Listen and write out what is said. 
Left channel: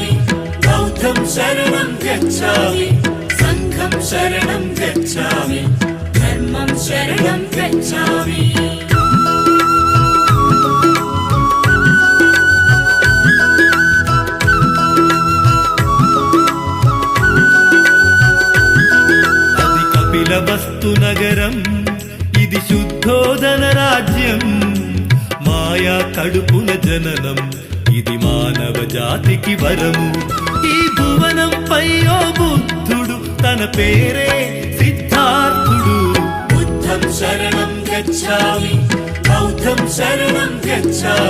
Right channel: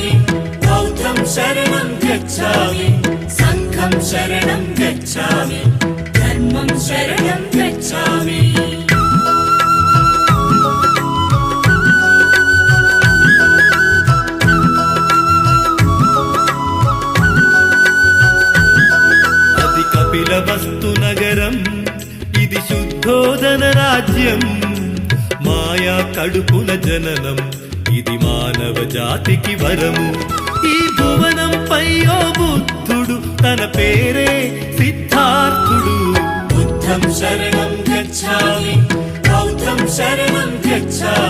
गच्छामि बौद्धं शरणं गच्छामि संघं शरणं गच्छामि धर्मं शरणं गच्छामि అది కపిలవస్తు నగరం ఇది శుద్ధోదన రాజ్యం మాయా కడుపున జననం ఇది మానవ జాతికి వరము ఈ భువనంపై ఓ బుద్ధుడు తన పేరే సిద్ధార్థుడు बुद्धं शरणं गच्छामि बौद्धं शरणं गच्छामि